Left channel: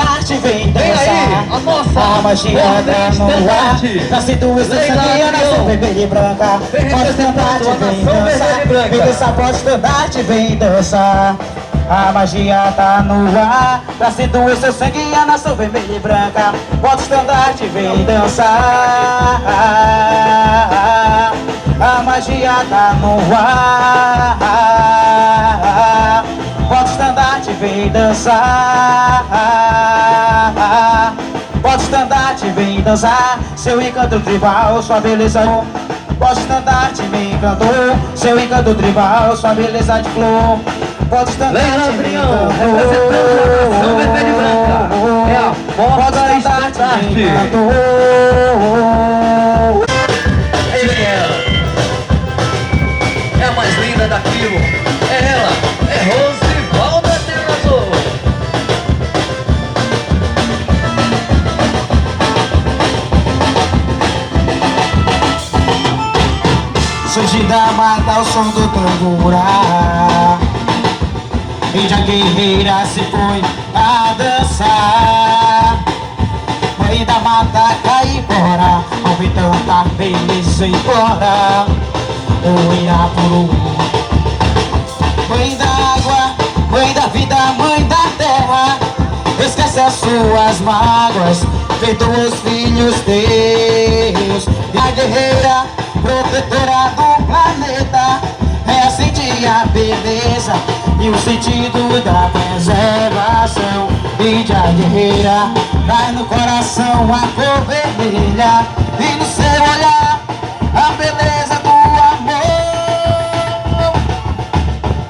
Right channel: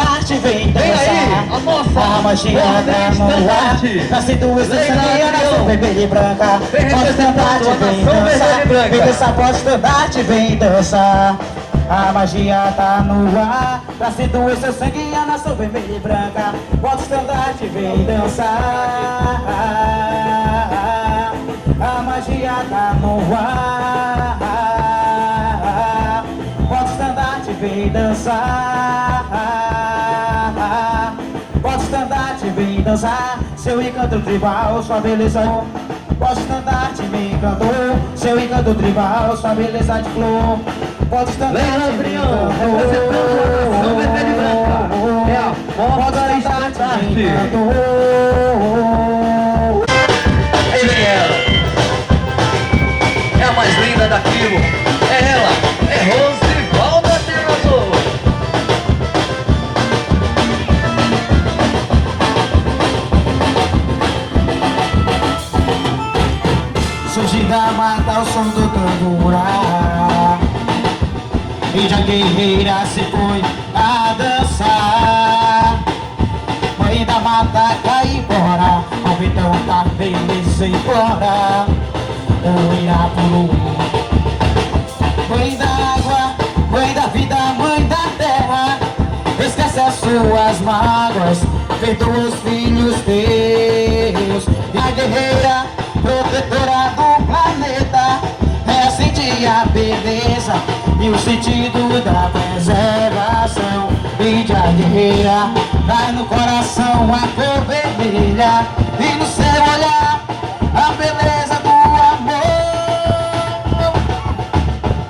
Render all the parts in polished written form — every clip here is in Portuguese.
estandarte, vem dançar. Vem aí, a nossa a magia da no ar. Nascido e sangue, nação vermelha e branca. Pode estandarte, vem dançar. Vem dançar, pode estandarte, vem dançar. A magia tá no ar. Nascido e seu sangue, a nação vermelha e branca. Pode estandarte, vem dançar. A magia tá no ar. Pode estandarte, vem dançar. Pode estandarte, vem dançar. Seu encanto tribal, sua beleza. Pode estandarte, me encantou. Seu encanto tribal, sua beleza de flor. Pode estandarte, me encantou. É a pode estandarte, me encantou. Aí vem ela. É a mais linda daquilo. É ela, é Rosivalda Terrazzo. Surge da mata o som do tambura. Índia guerreira se foi a dançar. Mãe da mata cai embora. Ao então da beleza implora o Irapuru. Mãe da água, mãe da vida, mãe da terra. Esquece as suas mágoas, perdoa os filhos teus. A guerreira, protetora do planeta, é sentir a beleza e o sentido da preservação. Índia guerreira, traz no coração a cor vermelha e no seu olhar a beleza do amor.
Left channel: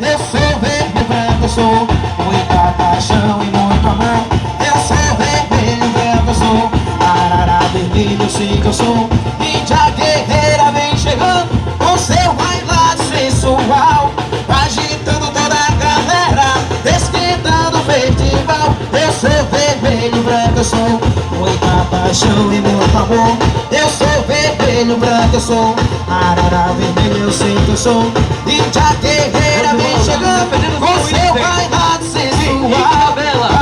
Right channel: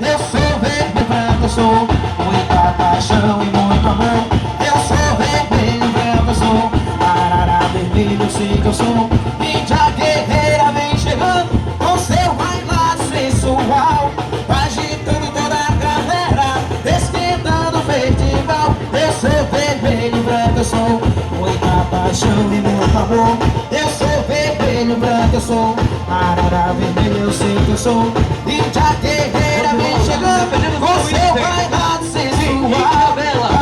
Eu sou vermelho, branco, eu sou muita paixão e muito amor. Eu sou vermelho, branco, eu sou arara vermelho, eu sei que eu sou. Índia guerreira vem chegando com seu bailado sensual, agitando toda a galera, esquentando o festival. Eu sou vermelho, branco, eu sou muita paixão e muito amor. Eu sou vermelho, branco, eu sou arara vermelho, eu sei que eu sou. Índia guerreira vem chegando com seu bailado sensual,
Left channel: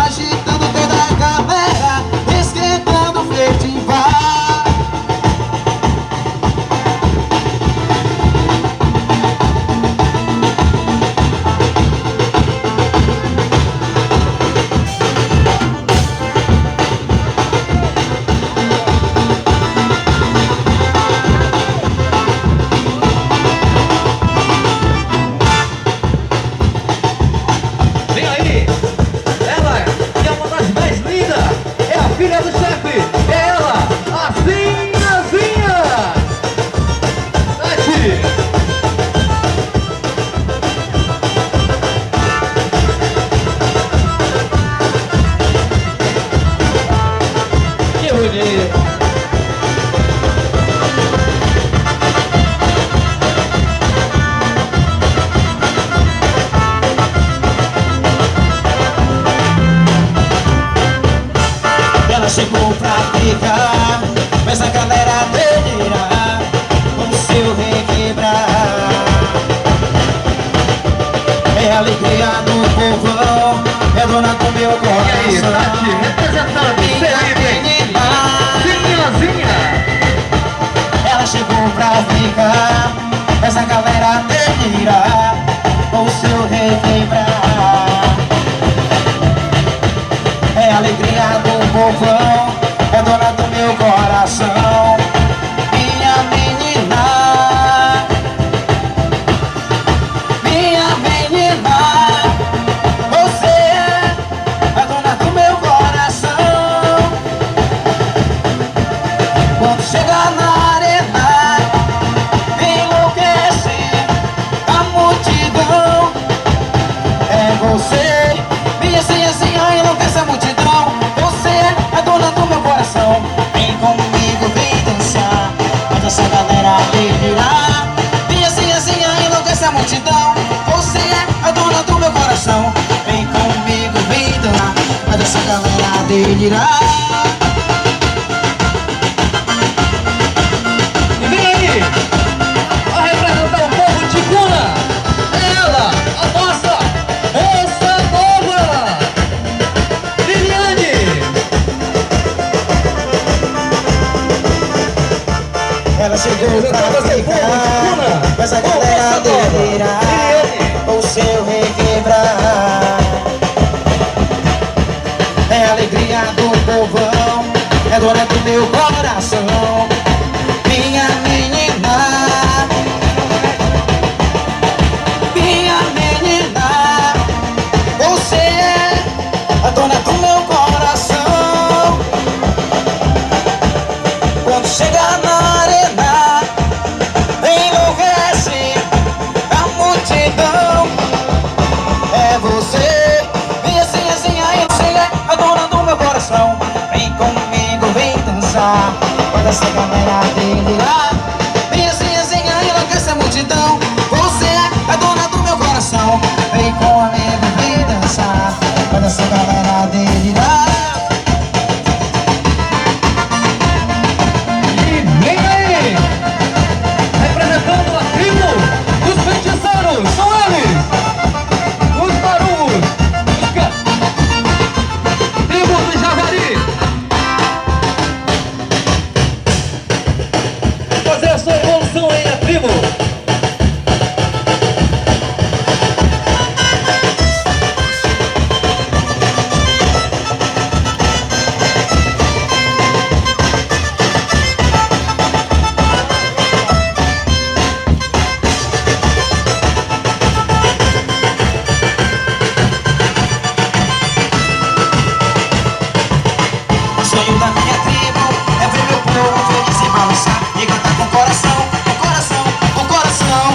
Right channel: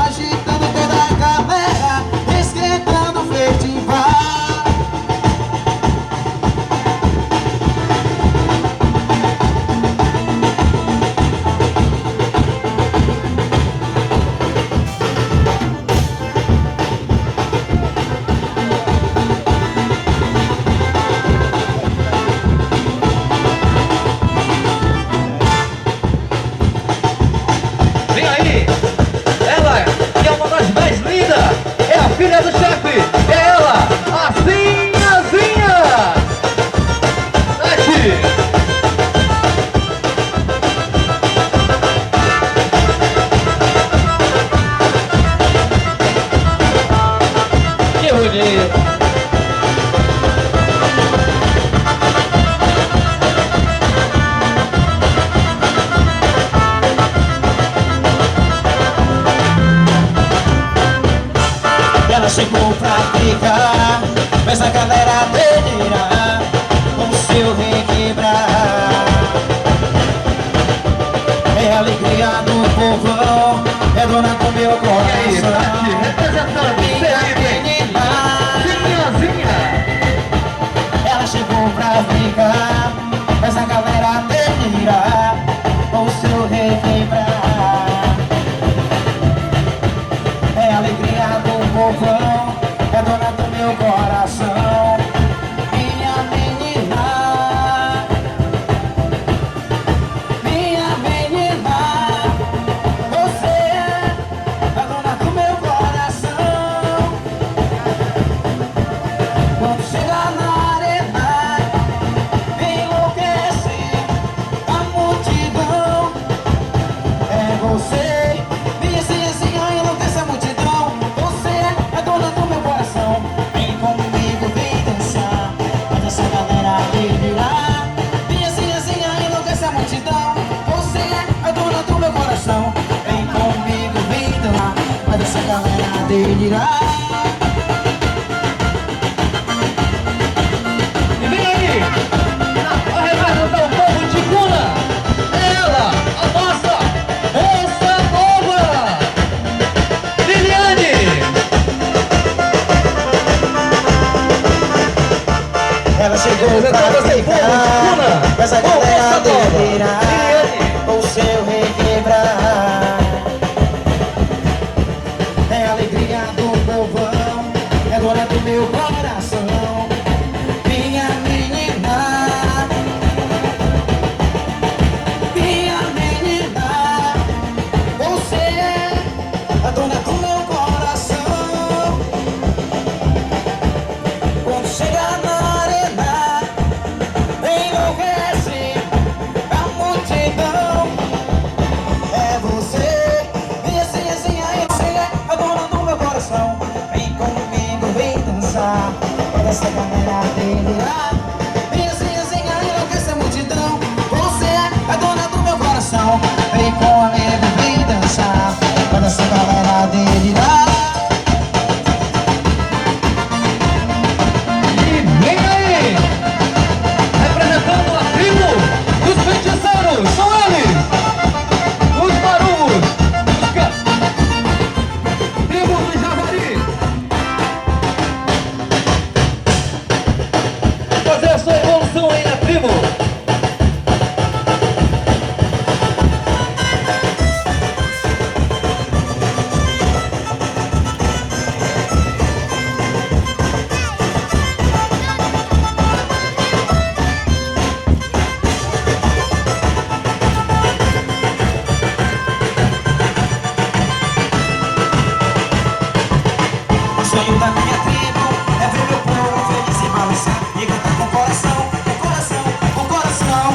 agitando toda a galera, esquentando o festival. Vem aí, ela que é uma das mais lindas, é a filha do chefe, é ela, a Zinhazinha. Nath. Que bonito. Ela chegou pra ficar, fez a galera delirar, com seu requebrar. É a alegria do povão, é dona do meu E aí, coração. Nath, representando Felipe, Zinhazinha. Ela chegou pra ficar, fez a galera delirar, com seu requebrar. É a alegria do povão, é dona do meu coração. Minha menina, minha menina, você é a dona do meu coração. Quando chega na arena, enlouquece a multidão. É você, minha Zinhazinha, enlouquece a multidão. Você é a dona do meu coração. Vem comigo, vem dançar, faz essa galera delirar. Minha Zinhazinha, enlouquece a multidão. Você é a dona do meu coração. Vem comigo, vem dançar, faz essa galera delirar. E vem aí, a representar o povo de Cuna, ela, a nossa moça nova, Liliane. chegou pra ficar. Mas a galera delirar, o seu requebrar. É a alegria do povão, é dona do meu coração. Minha menina, minha menina, você é a dona do meu coração. Quando chega na arena, enlouquece a multidão. É você, minha sinhazinha, você é a dona do meu coração. Vem comigo, vem dançar, quando essa galera delirar. Minha sinhazinha, enlouquece a multidão. Você é a dona do meu coração. Vem comigo, vem dançar, quando essa galera delirar. O sonho da minha tribo é ver meu povo feliz e balançar e cantar com o coração, o coração, o coração.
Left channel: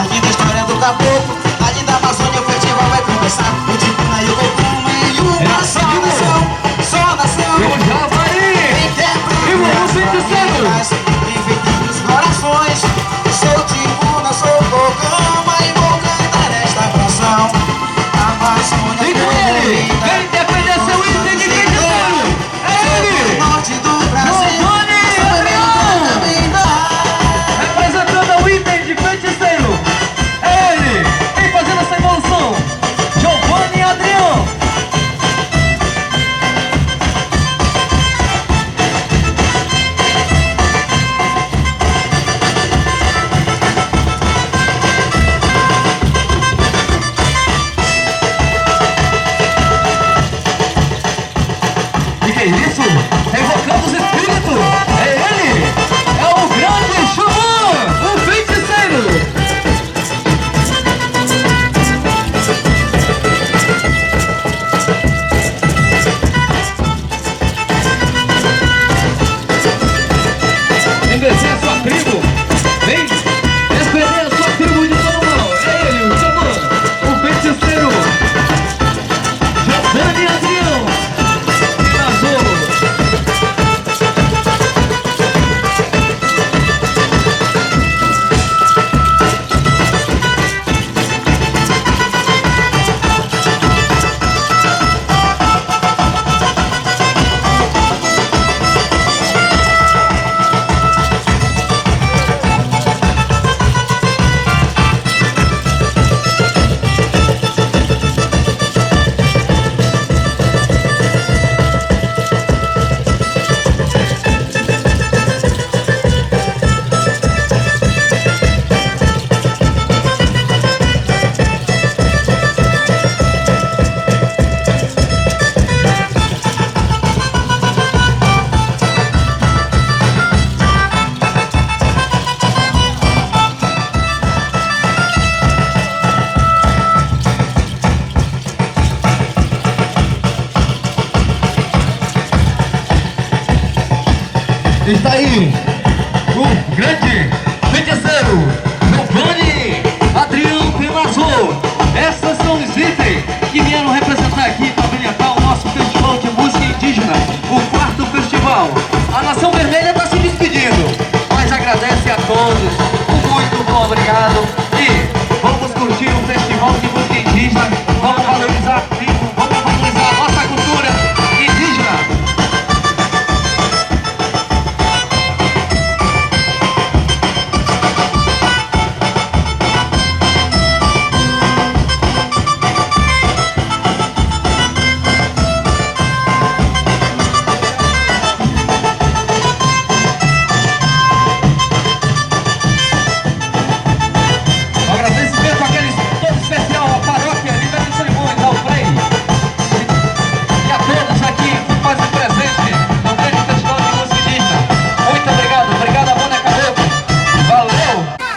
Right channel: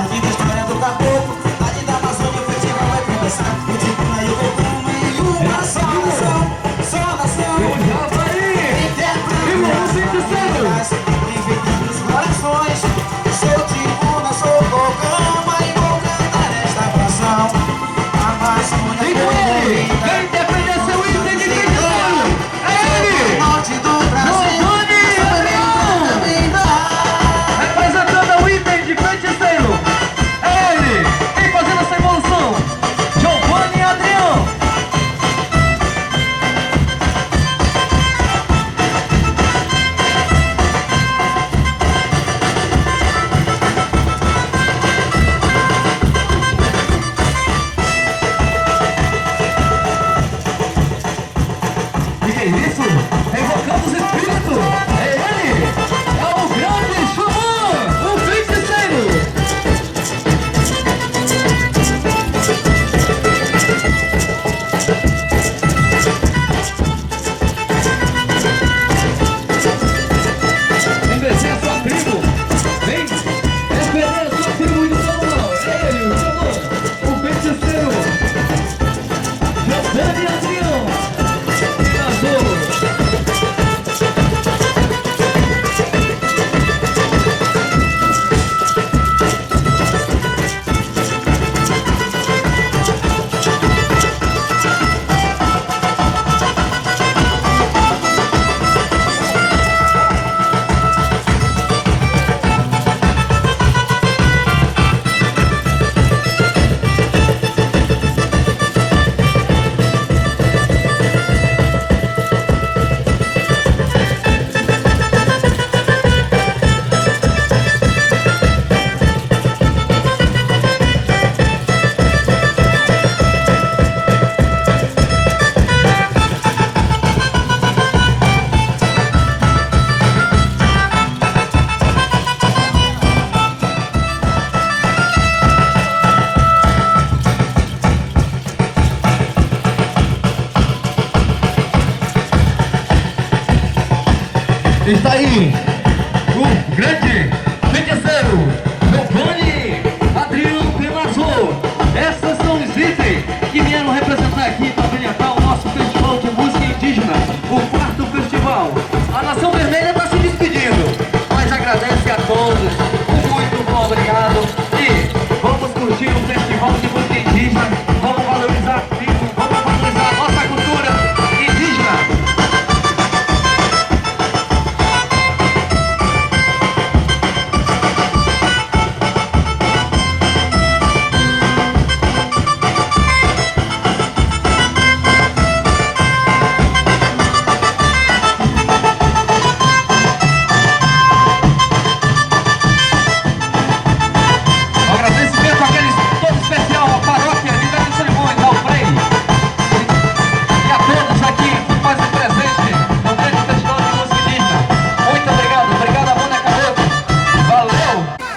Aqui da história do caboclo, ali da Amazônia o festival vai começar. O Ticuna e o Cocuma e uma só nação, só nação. Quem quer dividir os corações. Sou Ticuna, sou Cocuma e vou cantar esta canção. Amazônia Vem com ele, vem defender seu item de feiticeiro. É ele, norte do Brasil. Giovanni Adrião, representando o item de feiticeiro. É ele, vem fazendo essa evolução. Giovanni Adrião. E que é isso? Evocando os espíritos! É ele! É o grande Xamã! O feiticeiro! Vem descer a sua tribo! Vem defender a sua tribo de todo mal! É ele, o Xamã! O feiticeiro! Giovanni Adrião! Está aí o grande feiticeiro Giovanni Adrião Pelazzo. Essas são os itens que vieram representar aqui para brilhantar o nosso festival de música indígena, o 4º festival. A Nação Vermelha está se despedindo, mas agradece a todos, muito bom, obrigado. E vamos curtir o festival de música indígena, vamos valorizar a tribo, vamos valorizar a nossa cultura indígena.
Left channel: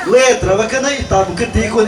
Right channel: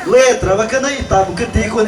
Letra, bacana e tá, porque tem com